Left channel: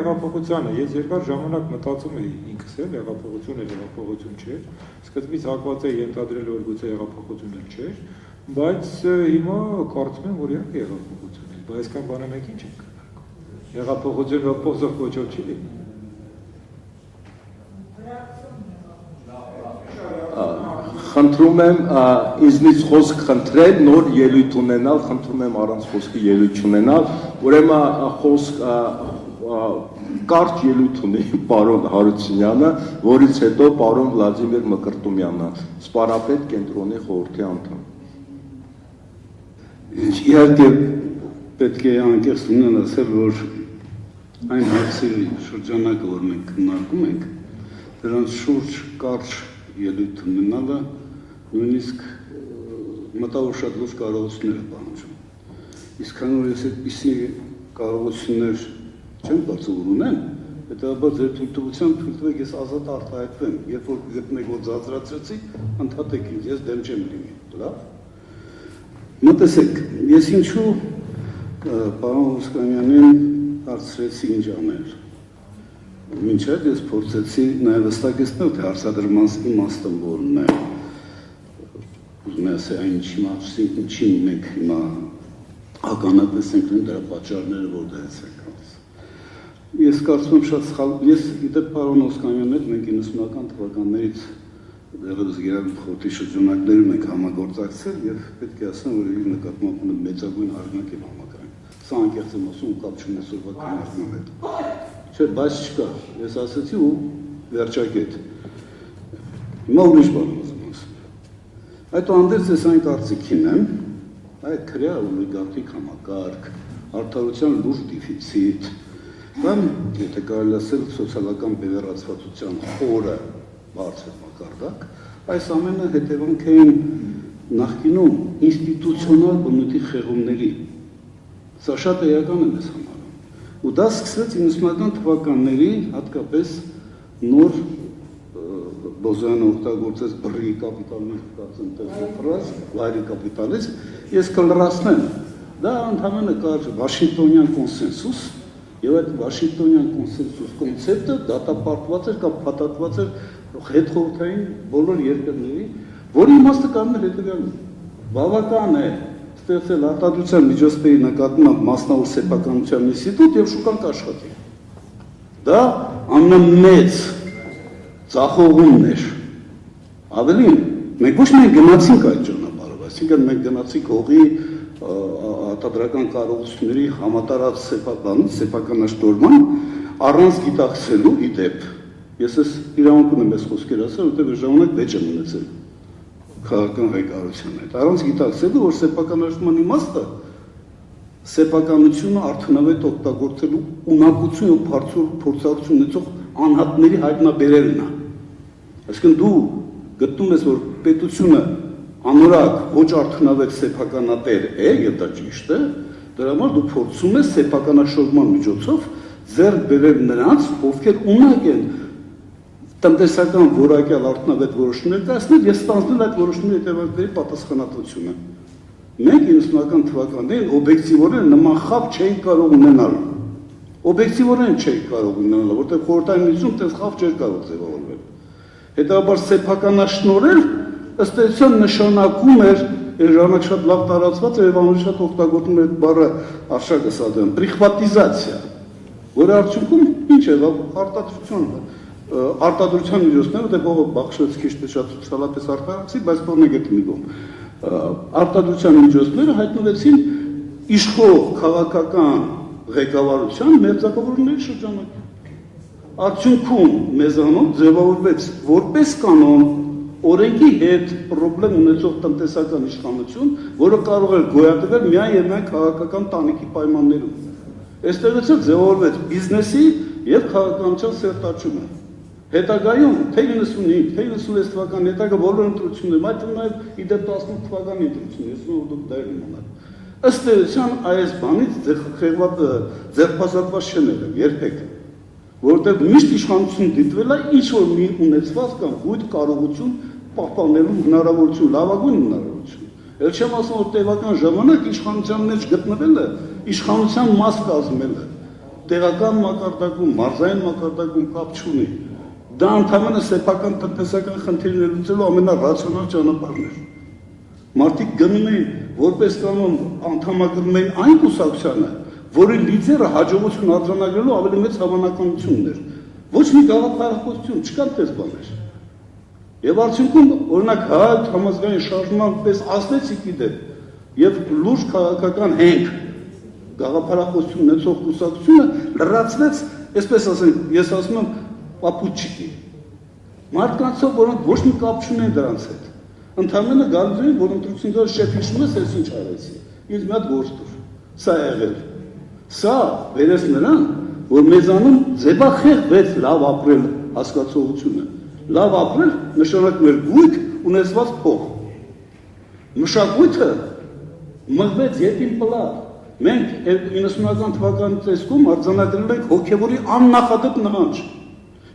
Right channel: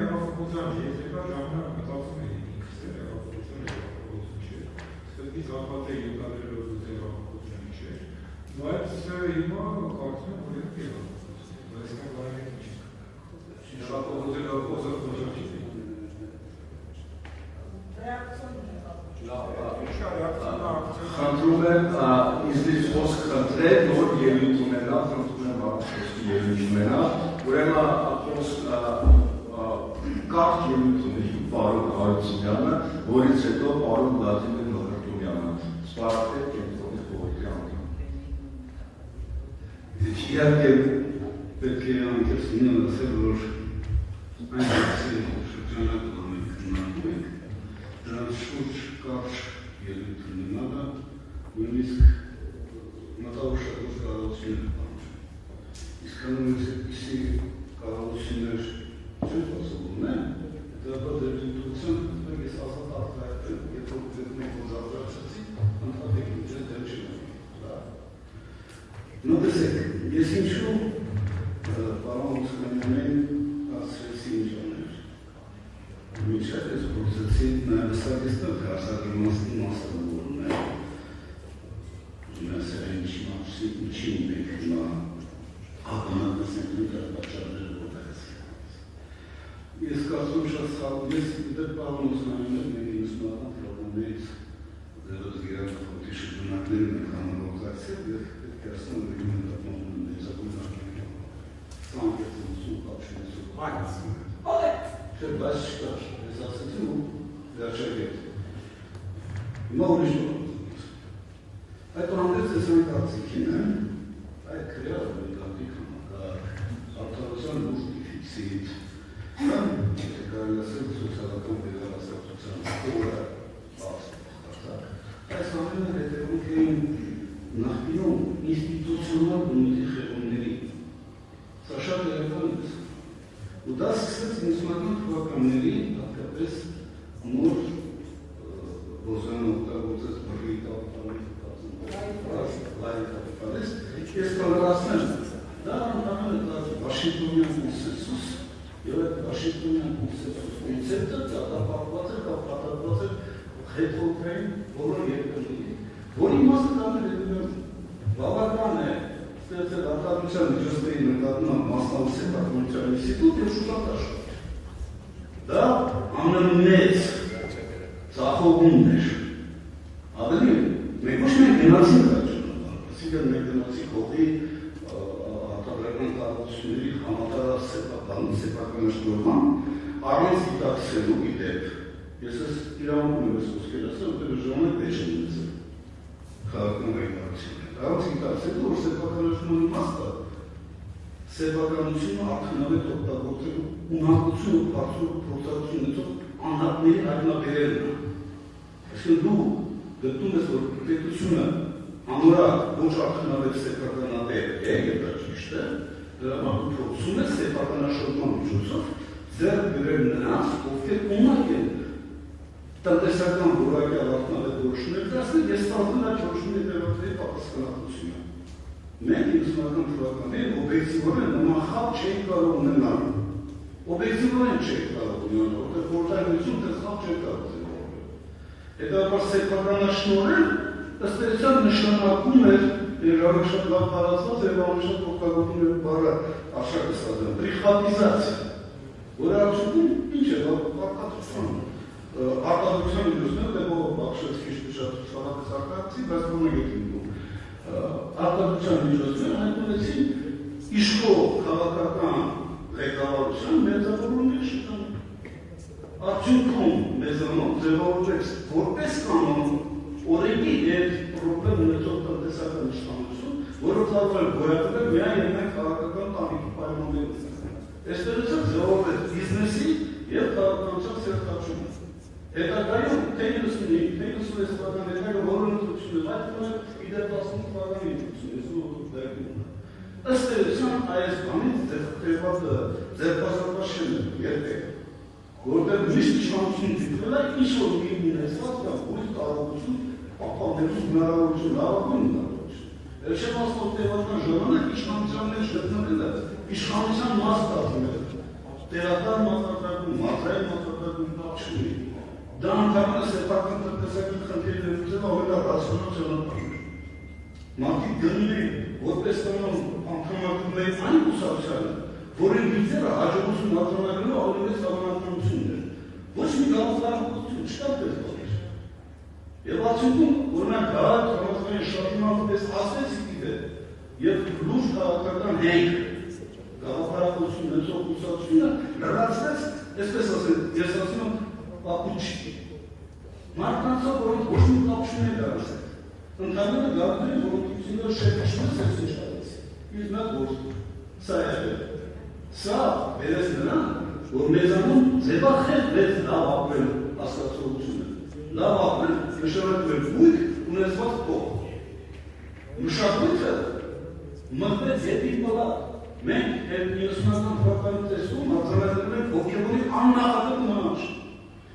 Հեղափոխությանը ես երկար ժամանակ մտածում էի ինքս էլ հեղափոխությունը հեղափոխություն չէ, սկզբից հակված էի ենթադրել, որ գուցե հեղափոխությունը չէ, բայց հիմա կարծում եմ, որ իհարկե հեղափոխություն է, բայց այսքան բանը մեկ ինչ ենք կներկում։ Հեղափոխությունը փոխող ոչով չի լինում։ Խնդրում եմ ինձնից խոսք խնդրել, նոր ելույթ ունենալ, խնդրում եմ առանց խոսքի ելույթ չունենալ, ուրեմն խոսք կարճ ելույթ ունի պարոն Հարությունյանը, որից հետո պարոն Վլադիմիր Մկրտումյանը, սպարապետ կենտրոնի խորհրդի անդամ։ Իհարկե պետք է անկեղծ լինել ասել, որ այն հարցերի շրջանակը, որ մենք քննարկում ենք, դրանց շուրջ կարճ ելույթ ունենալը նույնիսկ մտավոր շատ լուրջ կարողություններ է պահանջում։ Իսկ քանի որ ես այդպիսի կարողություններ չեմ կարծում որ ունեմ, հետևաբար ձեր թույլտվությամբ խնդրեք ես ազատ արտահայտվեմ, երբ որ գտնեք որ ձանձրացրեցի, ընդհատեք ինձ, ես դեմ չեմ լինի, լավ։ Մտածեք, ես ինչու պարոն Ոսկանյանին հարցրեցի ինչ անել։ Մինչև ես փորձեցի նաև վստահեցնել, թե հարցադրման իմաստը որն է։ Ուզում եմ ասել, այն ինչին մենք հիմա ականատես ենք դրա պատճառները որտեղից են գալիս։ Ես կարծում եմ շատ սխալ, ես գիտեմ պարոն Ոսկանյանն հետ մենք 90-ական թվականներից դեռևս Գերագույն խորհրդի շրջանակներում ենք համագործակցել եւ պետք է ասեմ, որ իր նկատմամբ մեծագույն հարգանք եմ համակարգում։ Սա անկեղծ եմ ասում, կապ չունի սովորական քննարկման հետ։ Չէ, բայց չկա, ես ասացի ու վերջակետ։ Հիմա ուրիշ բան ուզում ասեմ։ Այդուհանդերձ ես այն կարծիքին եմ, այդ քրեա օլիգարխիկ համակարգ, արդարության լուրջ դեֆիցիտ, կամ եթե կարելի ասել սոցիալական բևեռացվածության խորը բարձր մակարդակ, այս ամենը հետևանք էին նախկինում ինստիտուցիոնալ բնույթի խեղումների։ Սա շատ էական է մեզ համար։ Ու դա սկսեց 90-ական թվականների հատկապես նոր Բոզոյանը օգտագործեց բռի կապիտալիզմ, վայրի կապիտալիզմ, ես կլրացնել։ Դա ընդհանրապես կար Վաշինգտոնյան կոնսենսուս, եւ այդ Վաշինգտոնյան կոնսենսուս կոնցեպտը դատապարտված էր կամ փաթաթված էր հետխորհրդային բոլոր երկրների, որի իմաստը կարող է հետեւյալն է։ Բավական է ստեղծել արտադրության միջոցների նկատմամբ մասնավոր սեփականության ինստիտուտ եւ շուկան կաշխատի։ Դա ամենամեծ ծախողումն էր։ Ավելին, մենք ոչ միայն գնացինք այդ ճանապարհով, այսինքն մենք գնացինք հողի արտադրական կարողությունների համատարած սեփականաշտորման առանց գիտակցելու իդեպ։ Ես իրավունք ունեմ այս խոսքերը ասել, որտեղ ժամանակ վեճ եմ ունեցել քաղաքական ղեկավարության հետ։ Առանց գիտակցելու, որ սեփականաշտորման իմաստը սեփականությունը արդյունավետ օգտագործելու ունակություն ու փորձառություն ունեցող անհատների հայտնաբերելն է։ Այսինքն դու գտնում ես, որ պետությունը անորակ ոչ արդյունավետ սեփականատեր է, եւ դա ճիշտ է, դրա համար դու փորձում ես սեփականաշրջման միջոցով ձեռք բերել նրանց, ովքեր ունակ են տնտեսական որակյալ արդյունավետ որոշումներ կայացնել եւ ստանձնել այդ որոշումների հետևանքների պատասխանատվությունը։ Մենք 90-ական թվականներին օբյեկտիվորեն նման խավ չէինք կարող ունենալ։ Օբյեկտիվորեն չէինք կարող ունենալ, որտեղ խորհրդային միջում դες խավ չէր կարող ձևավորվել։ Հետաբար սեփականաշնորհել ըստ էության նշանակում էր ժամանակ շատ լավ տարածված է եւ անշատ օգտագործում էր բառը արշակը սադեն պրիխվատիզացիա, որը արդյունքում ինչ է արտադրության միջոցները դե բողոք բախշեց քիչ թե շատ ցավատես արտադրացի, բայց բողոք գտնվում արտադրության միջոցները հայտնվեցին իշխող քաղաքական ղեկավարության մերձակավորների շրջանում։ Արդյունքում մեզանով ձևավորվեց որպես կանոն օրենքի հետ պրոբլեմ ունեցող տնտեսական իշխանություն, որը կարող էր գոյատևել միայն եւ միայն քաղաքական տանիքի պայմաններում։ Այստեղից էլ ձևավորվեց բիզնեսի եւ քաղաքականության սերտաճումը։ Հետագայում թե 95, թե 96 թվականի հետագա բոլոր ընտրություններում, այդ նաեւ իդեպ 15 թվականի ընտրությունները, ես ու դուք դեռ ունենաք։ Ըստ էության այս բանից ձերբազատված չեն եղել երբեք, որովհետեւ միշտ իշխանություն դիտվել է ինչ որ մի ունեցված կամ գույտ կարողություն պահպանելու հնարավորություն, լավագույն հնարավորություն։ Էլ չեմ ասում, որ տևական ժամանակ իշխանության մեջ գտնվելը, իշխանության մաս կազմելը, տեղական մակարդակում, մարզային մակարդակում կապ չունի։ Դա ընդհանրապես սեփական տնտեսական խնդիրներ լուծելու ամենառացիոնալ ճանապարհն է։ Մարդիկ գնում էին որպես կանոն անդամագրում էին այն կուսակցությանը, որի լիդերը հաջողություն արձանագրելու ավելի մեծ հավանականություն ուներ։ Ոչ մի գաղափարախոսություն չկար պես բաներ։ Եվ արդյունքում, օրինակ, հայ համազգային շարժման պես ասլեցիկի դեպ եւ լուրջ քաղաքական հենք գաղափարախոսություն ունեցող կուսակցությունը լրացվեց, այսպես ասենք, ես ասում եմ, պապուչիկի։ Մարդկանցով, որոնք ոչ մի կապ չունեն դրանց հետ։ Ընդհանրապես գալիս էին, որ ընտրությունները շեփիչում ես, ես ինչ արեցի։ Ինձ մի հատ գործ տուր։ Սա եղել։ Սա վերես նրան, որ մեզանում ձևախեղվեց լավ ապրել հասկացողությունը։ Լավ ապրել նշանակում է գույք ունեցված փող։ Մշակույթը մղվեց ետին պլատ։ Մենք 90-ական թվականի տեսքում արձանագրել ենք հոգևորի աննախադեպ նմանջ։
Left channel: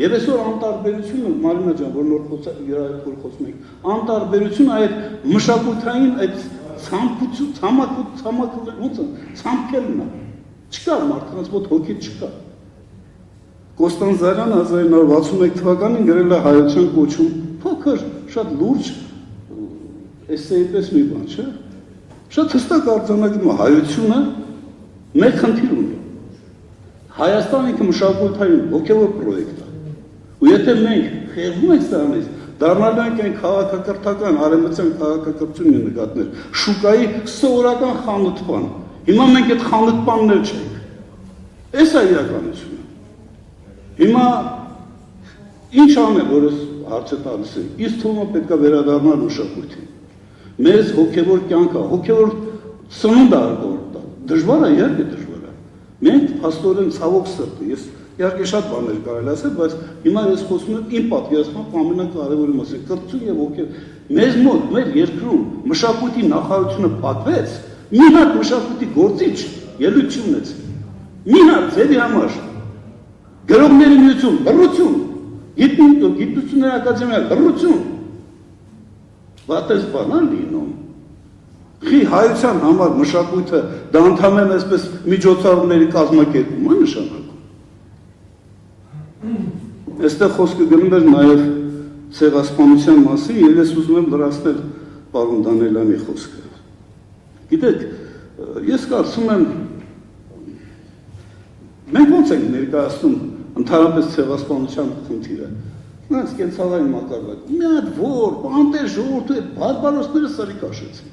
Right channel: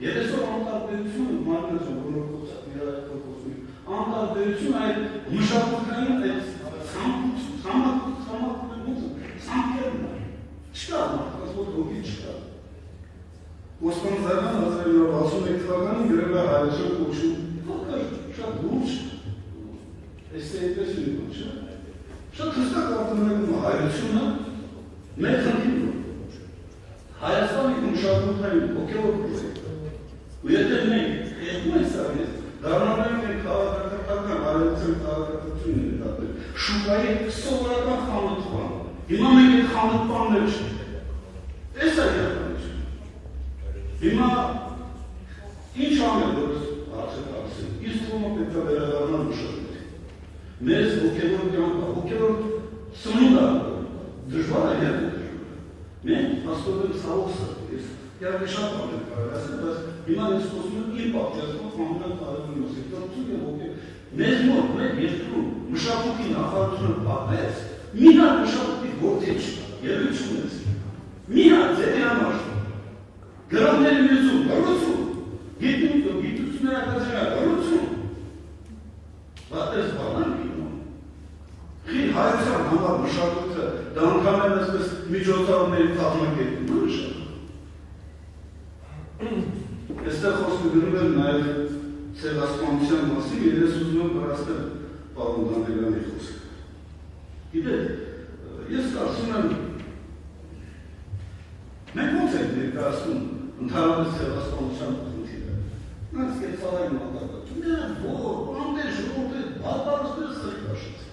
Եվ այսօր անտարբերությունը, Մարինա ջան, որ նոր խոսում ենք, անտարբերությունը այդ մշակութային այդ ցամաքելն է։ Չկա մարդկանց մոտ հոգի չկա։ Կոստանդզարյանը 1961 թվականին գրել է հայության կոչում փոքր, շատ լուրջ էսսեի պես մի բան, չէ՞։ Շատ հստակ արձանագրում է հայությունը մեկ խնդիր ունի։ Հայաստանը ինքը մշակութային հոգևոր պրոյեկտ է։ Ու եթե մենք խեղդում ենք սրանից, դառնալու ենք այն քաղաքակրթական, արևմտյան քաղաքակրթությունը նկատներ, շուկայի սովորական խանութպան։ Հիմա մենք այդ խանութպաններ չենք։ Էս է իրականությունը։ Հիմա ինչ անել, որ ես հարցը տալիս եմ, իսկ թվում է պետք է վերադառնալ մշակույթին։ Մեզ հոգևոր կյանք է, հոգևոր սնունդ է արկորտա։ Դժվար է, երբ է դժվար է։ Մենք փաստորեն ցավոք սրտի, ես իհարկե շատ բաներ կարելի ասել, բայց հիմա ես խոսում եմ իմ պատկերացմամբ ամենակարևորի մասին, կրթություն եւ հոգև։ Մեզ մոտ, մեր երկրում մշակույթի նախարարությունը պատվեց, մի հատ մշակույթի գործիչ ելույթ չունեց։ Մի հատ ձևի համար գրողների միություն, բռնություն, գիտությունների ակադեմիա, բռնություն։ Բայց բանալ լինում։ Խի հայության համար մշակույթը դա ընդհանրապես այսպես միջոցառումների կազմակերպում է նշանակում։ Այստեղ խոսքը գնում էր նաև ցեղասպանության մասին, եւ ես ուզում եմ լրացնել պարոն Դանիելյանի խոսքը։ Գիտեք, ես կարծում եմ մենք ոնց ենք ներկայացնում ընդհանրապես ցեղասպանության խնդիրը։ Նրանց կենցաղային մակարդակը։ Մի հատ որ, բանտեր ժողովուրդը բարբարոսները սարի քաշեցին։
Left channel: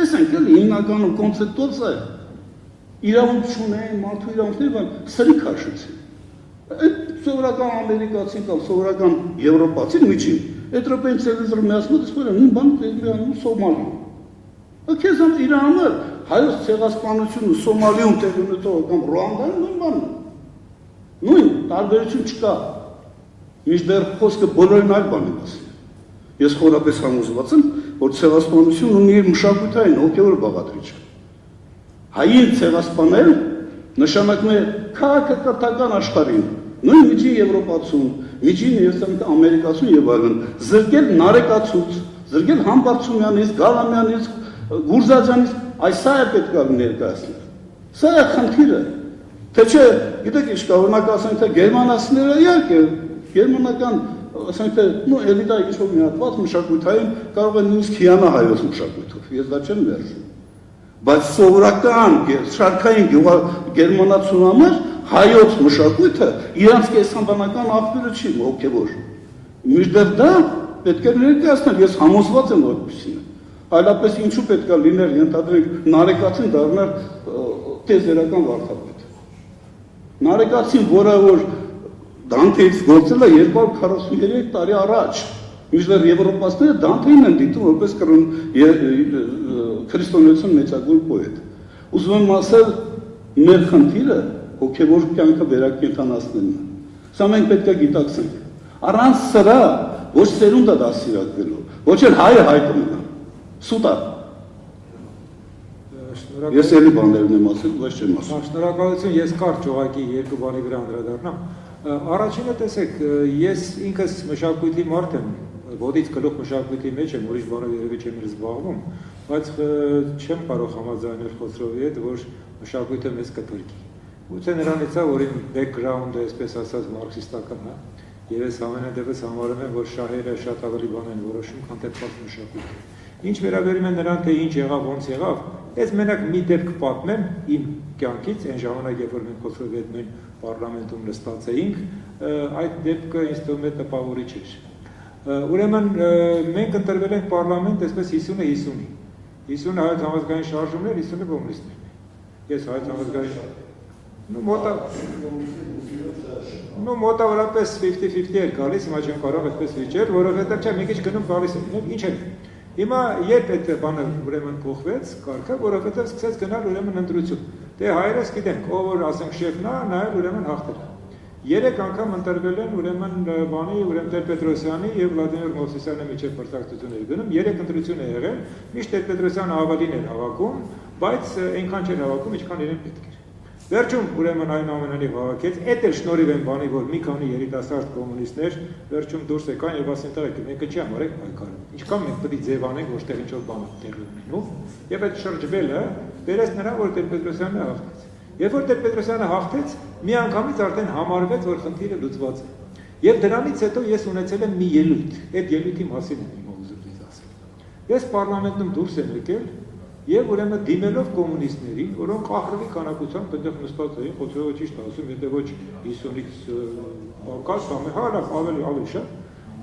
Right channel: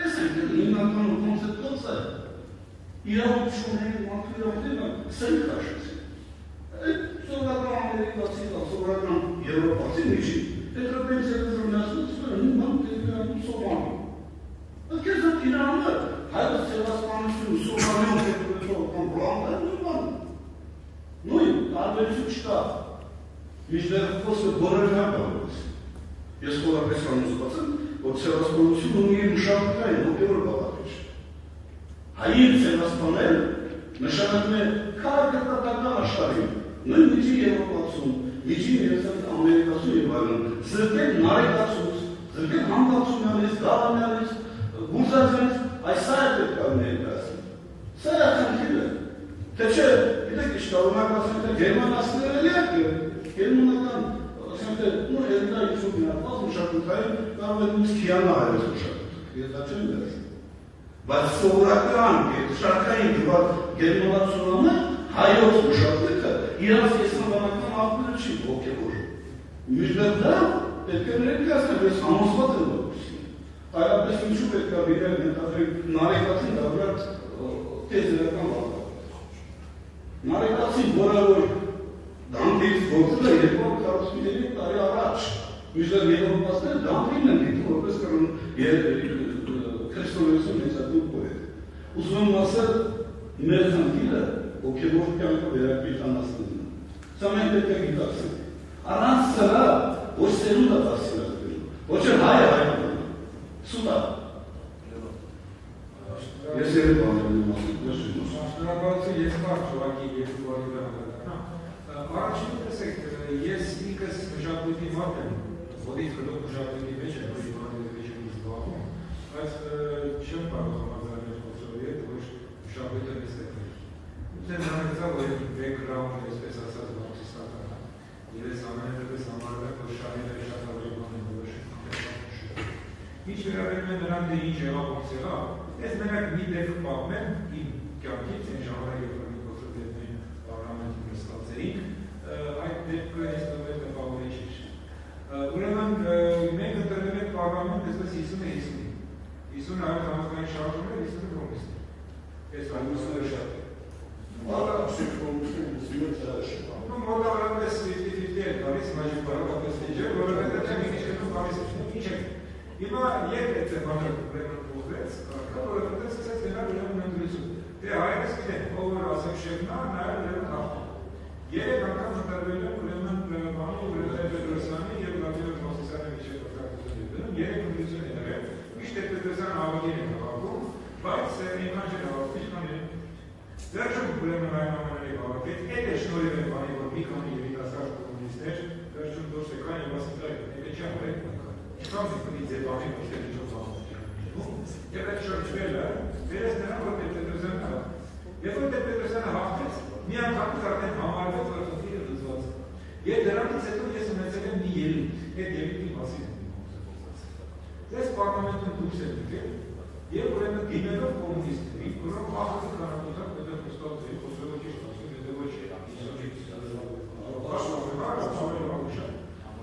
Այս ենք էլ հիմնականում կոնցեպտուալ է։ Իրավունք չունեն, մարդու իրավունքներ, բայց սարի քաշեցին։ Այդ սովորական ամերիկացի կամ սովորական եվրոպացի միջին էտրոպեն ցելիզր միացնած սպորը նույն բան դերանում Սոմալիա։ Ըքես այդ Իրանը հայոց ցեղասպանությունը Սոմալիում տեղի կամ Ռուանդան նույն բանն։ Նույն տարբերություն չկա։ Մինչդեռ խոսքը բոլորն այլ բան է ասում։ Ես խորապես համոզված եմ, որ ցեղասպանությունը ունի իր մշակութային հոգևոր բաղադրիչ։ Հային ցեղասպանել նշանակում է քաղաքակրթական աշխարհին, նույն միջին եվրոպացուն, միջին ամերիկացուն եւ այլն, զրկել նարեկացուց, զրկել Համբարձումյանից, Գալամյանից, Գուրզաջյանից, այս սա է պետք է ներկայացնել։ Սա է խնդիրը։ Թե չէ, գիտեք ինչ կա, օրինակ ասենք թե գերմանացիները իհարկե գերմանական, ասենք թե նո էլիտա ինչ-որ միացված մշակութային կարող է նույնիսկ հիանա հայոց մշակույթով, ես դա չեմ վերցնում։ Բայց սովորական շարքային գերմանացիաներ հայոց մշակույթը իրանց կեսամբանական աղբյուրը չի հոգևոր։ Մինչդեռ դա պետք է ներկայացնել, ես համոզված եմ որպեսզի։ Այլապես ինչու պետք է լիներ, ենթադրենք նարեկացին դառնալ տեզերական վարդապետ։ Նարեկացին, որը որ Դանթեից գործել է 243 տարի առաջ, մինչդեռ եվրոպացիները Դանթեին են դիտում որպես քրիստոնեություն մեծագույն պոետ։ Ուզում եմ ասել, մեր խնդիրը հոգևոր կյանքը վերակենդանացնելն է։ Սա մենք պետք է գիտակցենք։ Առանց սրա ոչ սերունդը դասիրակվելու, ոչ էլ հայը հայ կմնա։ Սուտ է։ Ես էլի բաներն եմ ասել, ոչ չեմ ասել։ Շնորհակալություն, ես կարճ ուղղակի երկու բանի վրա անդրադառնամ։ Առաջինը տեսեք, ես ինքս մշակույթի մարդ եմ, ոտից գլուխ մշակույթի մեջ եմ, ուրիշ բանով երևի չեմ զբաղվում, բայց չեմ կարող համաձայնել Խոսրովի հետ, որ մշակույթը մեզ կփրկի։ Ուցե նրանից է, որ իմ background-ը, այսպես ասած, մարքսիստական է, եւ ես ամենադեպս համարում եմ, որ շահերը շատ ավելի բան են որոշում, քան տեպված մշակույթը։ Ինչ վերաբերում է նրան, թե ինչ եղավ, ոնց եղավ, ես մենակ մի դեպք պատմեմ իմ կյանքից, այն ժամանակ, երբ որ մենք Խոսրովետն պարլամենտում նստած էինք, այդ դեպքը ինձ թվում է տպավորիչ էր։ Ուրեմն մենք ընտրվել ենք պարլամենտ այսպես 50-50-ի։ 50-ը հայոց համազգային շարժումներ, 50-ը կոմունիստներ։ Ես հայոց համազգային մոտավորապես 50-50 էր գալիս, հիմա չեմ կարող այսպես վիճել, որովհետև չէ, մի քիչ գնում գալիս են, ինչ է։ Հիմա երբ այդ բանը ուրեմն կողվեց, կարգը, որովհետև սկսեց գնալ ուրեմն ընտրություն։ Դե հայերս գիտենք, ով որ ասենք շեֆն է, նա էլ ուրեմն հաղթել։ 3 անգամ ընտրվել են ուրեմն բանի, ուրեմն Տեր-Պետրոսյանի եւ Վլադիմիր Մովսեսյանի միջև պարտակցությունների գնում, 3 ընտրություն է եղել, միշտ Տեր-Պետրոսյանը ավելին էր հավաքում, բայց այնքան չէր հավաքում, ինչքան իրեն պետք էր։ Վերջում ուրեմն այն ամենանի հավաքեց, այդ էր շնորհիվ են բանի, որ մի քանի երիտասարդ կոմունիստներ վերջում դուրս եկան եւ ասեն տղեկ, մենք չի համարեք այնքան։ Ինչքան մենք պետք է ձևանենք, ոչ թե ինչ-որ բան տեղի ունենով, եւ այդ շրջվելը դերես նրան, որ Տեր-Պետրոսյանը հաղթեց։ Երբ որ Տեր-Պետրոսյանը հաղթեց, մի անգամից արդեն համարվեց, որ խնդիրը լուծված է։ Եվ դրանից հետո ես ունեցել եմ մի ելույթ, այդ ելույթի մասին եմ ուզում ես ասել։ Ես պարլամենտում դուրս եմ եկել եւ ուրեմն դիմելով կոմունիստներին, որոնք ահռելի քանակությամբ այդտեղ նստած էին, Խոսրովը ճիշտ ասում, եթե ոչ 50-ից կաս ավելի շատ։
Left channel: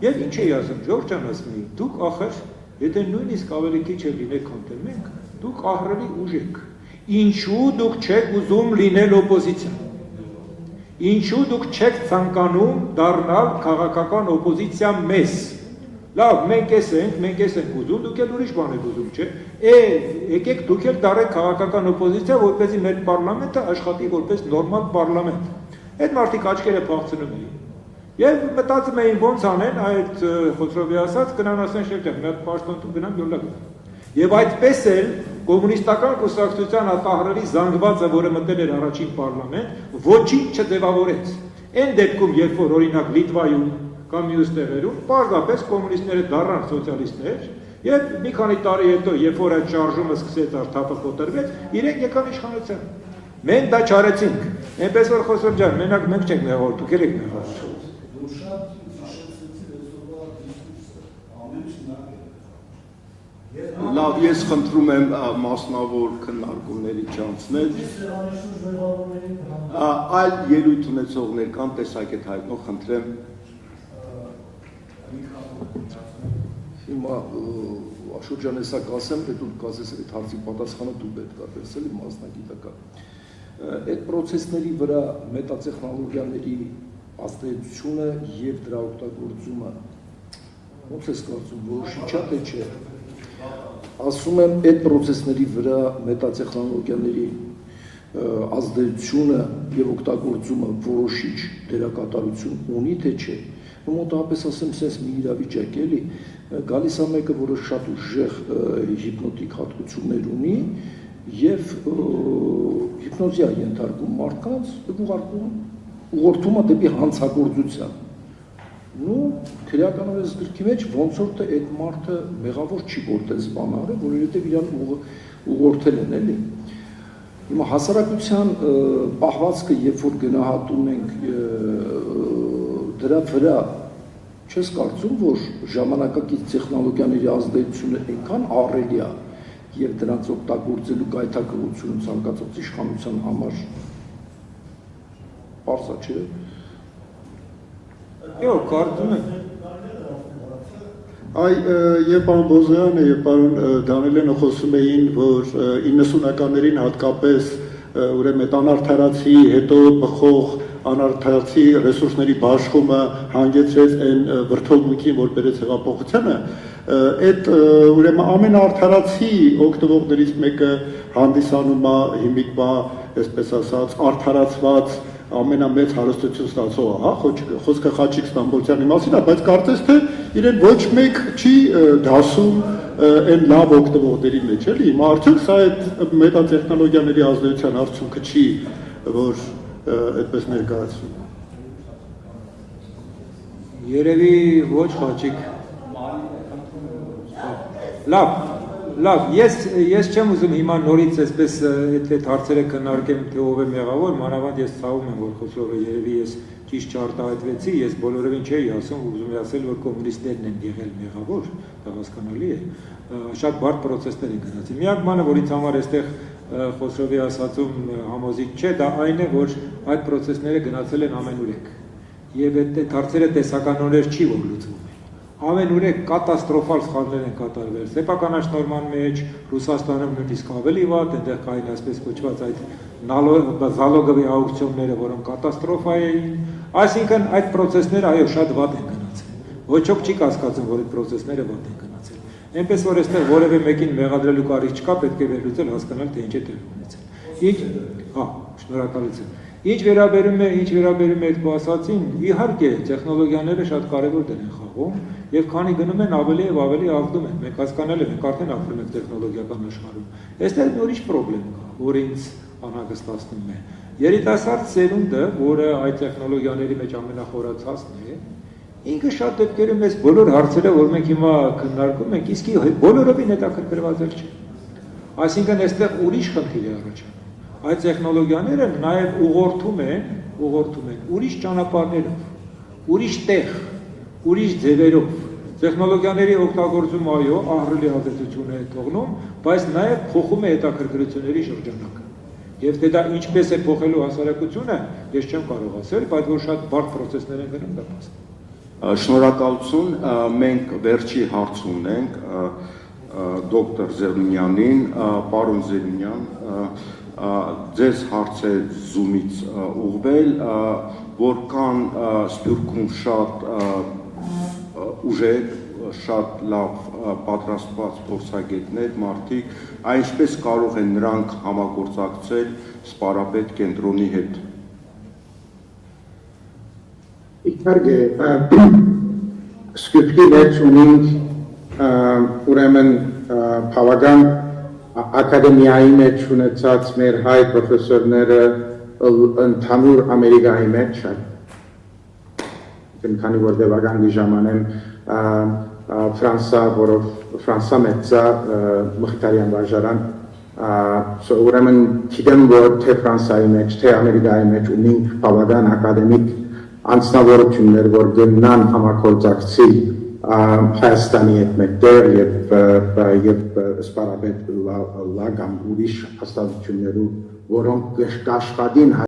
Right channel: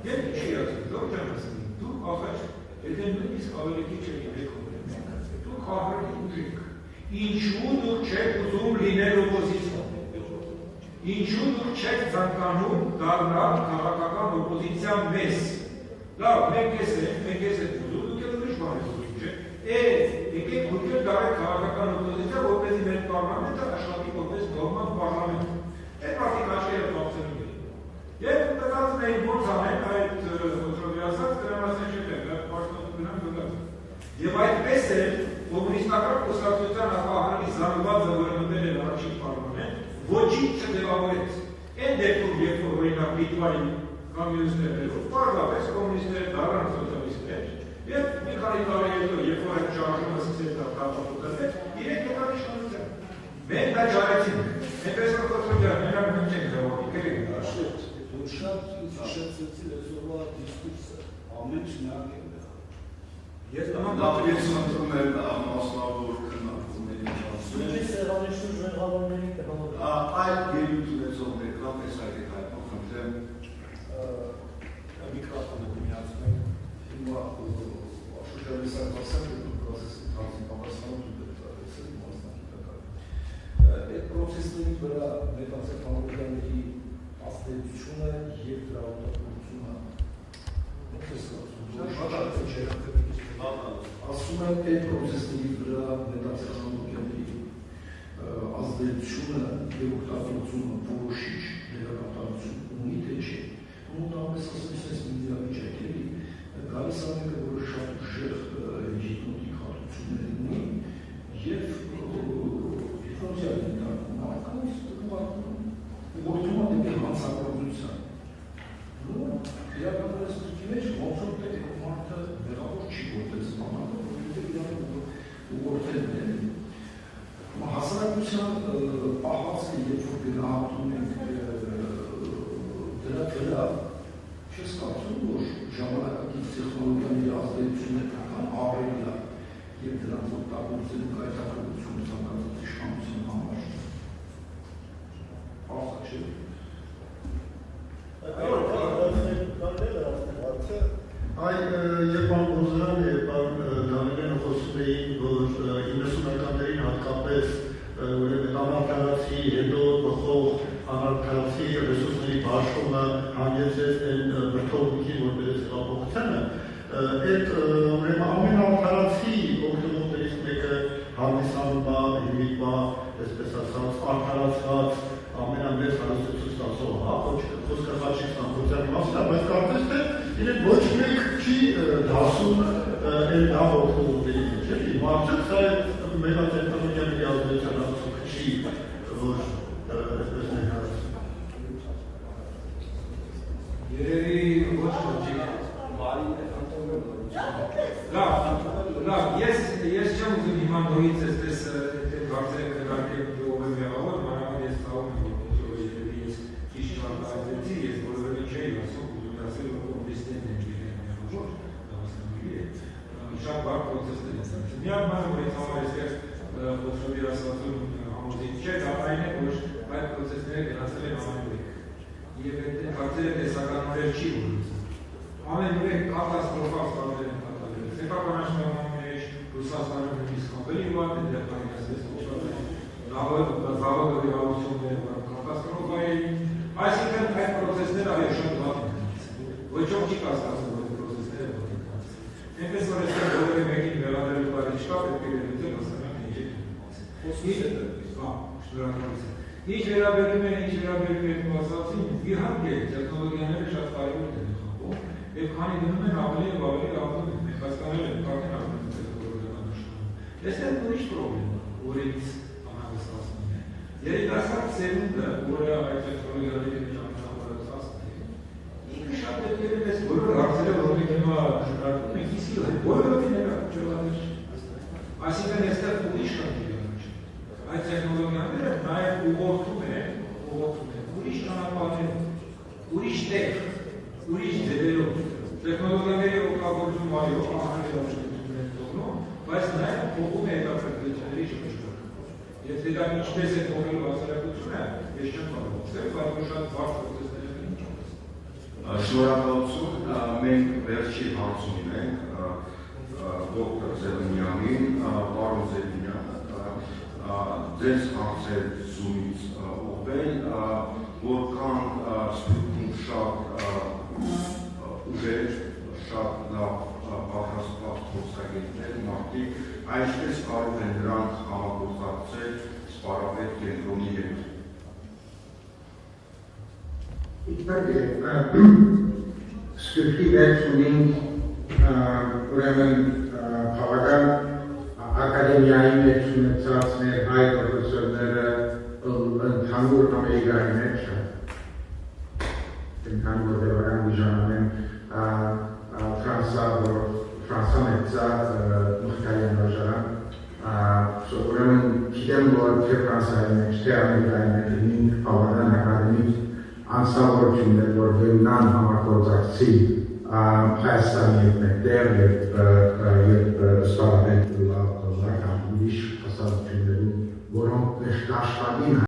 Եվ ինչ էի ասում, Ժորժ ջան, ասում եմ, դուք ախր, եթե նույնիսկ ավելի քիչ է լինեք, քան մենք, դուք ահռելի ուժ եք։ Ինչու դուք չեք ուզում լինել օպոզիցիա։ Ինչու դուք չեք ցանկանում դառնալ քաղաքական օպոզիցիա մեզ։ Լավ, մենք ենք ուզում, դուք էլ ուրիշ բան եք ուզում, չէ՞։ Եկեք դուք էլ դառեք քաղաքական օպոզիցիա, որպեսզի մեր պարլամենտը աշխատի որպես նորմալ պարլամենտ։ Այդ մարդիկ աչքերը փախցնում էին։ Եվ մտածում էին ոնց անեն, այդ Խոսրովի ասած գնան ասեն շերջան, մի հատ պաշտոնցում գնան յոլա գնան։ Եվ այդպես էլ կոմունիստական կուսակցության ահռելի զանգվածը, որը մտել էր առաջին պարլամենտ, ոչինչ չձևավորեց։ Այն դեպքում, երբ որ օրինակ Լիտվայում կամ մյուս տեղերում, պարզապես կոմունիստները դառան սոցիալիստներ, եւ մի քանի տարի հետո, երբ որ այդ շարժումը սկսեց արդյոք կոտրվեց, իրենք եկան իշխանության։ Մենք դա չարեցինք։ Այնպես որ Խոսրով ջան, մենակ մենք չենք մեղավոր, դուք եք մեղավոր։ Լավ, ես խնդրում եմ մասնավոր քննարկումների չանցնել։ Այլ ելույթ ունեցողներ կան, տեսակ այդ հայտնող խնդրեմ։ Հիմա Աշոտ ջան, հեսա կասեմ, թե դուք կասես այդ հարցի պատասխանը դու պետք է տես էլի մասնագիտական։ Այդ պրոցեսների վրա մետատեխնոլոգիաների ազդեցությունը եւ դրա օգտագործումը ո՞նց է ստացվում, որոշիչ է թե չէ։ Ասում եմ, այդ պրոցեսների վրա մետատեխնոլոգիաների ազդեցությունը եւ օգտագործումը որոշիչ դերակատարություն ունի թե չէ։ Մոտավորապես ասեմ, սենց մի իրավիճակ էլի, գալիս է մեկը, որը շատ ուժեղ հիպնոտիկ հատկություններ ունի եւ հիպնոզի է ենթարկում մարդկանց, ուղղորդում է դեպի հանցագործության։ Ну, քրեականորեն այս գրքի մեջ ոնց որ թե այդ մարդը մեղավոր չի գործել բան արել, որովհետև իրան ուղղորդել են էլի։ Հիմա հասարակության պահվածքը, երբ որ գնահատում ենք դրա վրա, չես կարծում, որ ժամանակակից տեխնոլոգիաների ազդեցությունը այնքան ահռելի է եւ դրանց օգտագործելու գայթակղությունը ցանկացած իշխանության համար պարզ է, չէ՞։ Այո, կարծում եմ։ Այ եւ պարոն Բոզոյանը եւ պարոն Դանիելյանը խոսում էին, որ 90-ականներին հատկապես ուրեմն այդ անարդարացի հետո բխող անարդարացի ռեսուրսների բաշխումը հանգեցրեց այն վրդովմունքին, որ բերեց հեղափոխությանը, այդ ուրեմն ամենաարդարացի օգտվողներից մեկը հանդիսանում է հիմիկվա, այսպես ասած, արդարացված ամենամեծ հարստություն ստացողը, հա, խոսքը Խաչիկ Ստամբոլցյանի մասին է, բայց կարծես թե իրեն ոչ մեկ չի դասում այն լավ օգտվողների մեջ, էլի, հիմա արդյոք սա այդ մետատեխնոլոգիաների ազդեցության արդյունքը չի, որ այդպես ներկայացվում։ Երևի ոչ Խաչիկ։ Լավ, Լավ, ես չեմ ուզում հիմա նորից այսպես այդ հարցերը քննարկեմ, թե ով է մեղավոր, մանավանդ ես ցավում եմ, որ Խոսովը երևի ես ճիշտ չարտահայտվեցի, ես բոլորովին չէի ասում, ուզում եմ ասել, որ կոմունիստներն են եղել մեղավոր, դա հասկանալի է, շատ բարդ պրոցեսներ են գնացել։ Միակ բանը, որ ինձ համար այստեղ Խոսովի ասածում համոզիչ չէ, դա այն է, որ այդ պրոցեսները գնացել են ամենուրեք, եւ այդ հարցերը տեսականորեն չի որ լուծվում։ Ամենուրեք կատաստրոֆալ սխալներ են կատարվել սեփականաշնորհման մեջ, Ռուսաստանում նույնիսկ ավելի վատ, այնտեղ կային այսպես կոչված այդ զալոգովի աուկցիոնները, որոնք կատաստրոֆա էին, այսինքն այդ պրոցեսները այո շատ վատ են գնացել։ Ոչ ոք չի կասկածում, որ այդ պրոցեսները վատ են գնացել։ Այնպես որ այստեղ որևէ մեկին մեղադրելու կարիք չկա, պետք է վերլուծել, հասկանալ, թե ինչ է տեղի ունեցել։ Շնորհակալություն։ Ինչ վերաբերում է այդ ասացին, իհարկե տեխնոլոգիաները շատ կարևոր դեր են խաղում եւ քանի գնում են ավելի եւ ավելի ավդում են։ Մենք հասկանալ ենք, արդեն ապրում ենք տեխնոլոգիական աշխարհում։ Այստեղ ուրիշ խնդրեմ կա, որ ինձ անհանգստացնում է։ Երիտասարդ սերունդը, որը այդ տեխնոլոգիաների մեջ ամենախորացածն է, ինքը շատ դեպքերում այս բոլոր հարցերը, որ մենք հիմա քննարկում ենք, իսկի բոլորովին հետաքրքրված չէ։ Այսինքն այստեղ ուրիշ խնդիր է առաջանում։ Այդ տեխնոլոգիաները նաև ուղղորդում են ուրիշ ճանապարհներով, ուրիշ տեղ, ուրիշ ձևերով։ Տեխնոլոգիաների օգտագործումը այո, ահռելի ազդեցություն է թողնում, բայց նաև փոխում է հետաքրքրությունների շրջանակը։ Եվ թե դա ինչպես է փոխելու հասարակությունը, ես չեմ կարող ասել, բայց որ շատ բարդ պրոցեսներ են դրում դա փաստը։ Շնորհակալություն, մենք վերջի հարց ունենք դոկտոր Զելունյանին, պարոն Զելունյան, ձեզ հարց է Zoom-ից ուղղվել, որքան Սփյուռքում շատ ուժեր, շատ լավ պատրաստված փորձագետներ, մարդիկ, այնպես կարող են նրանք համագործակցել սպառապետ կենտրոնի հետ։ Իհարկե, Սփյուռքի մեջ ունենք ուրեմն բավական ակադեմիայի մեջ ունեցած մեր հայ պրոֆեսորները ընդհանուր Ամերիկայի մեջ են, քանի որ դեպական ժամանեն Ֆրանսա մեծա մխտարյան վարժարան, ուրեմն գիտեմ, որ թե Ֆրանսայի մեջ, թե Ամերիկայի մեջ ունենք բավական ակադեմիկ անձնավորություններ, որ գնան համագործակցի Հայաստանի հետ մեկտեղ եւ սպառապետ լագան ուրիշ հաստատություններով, որոնք կաշխատին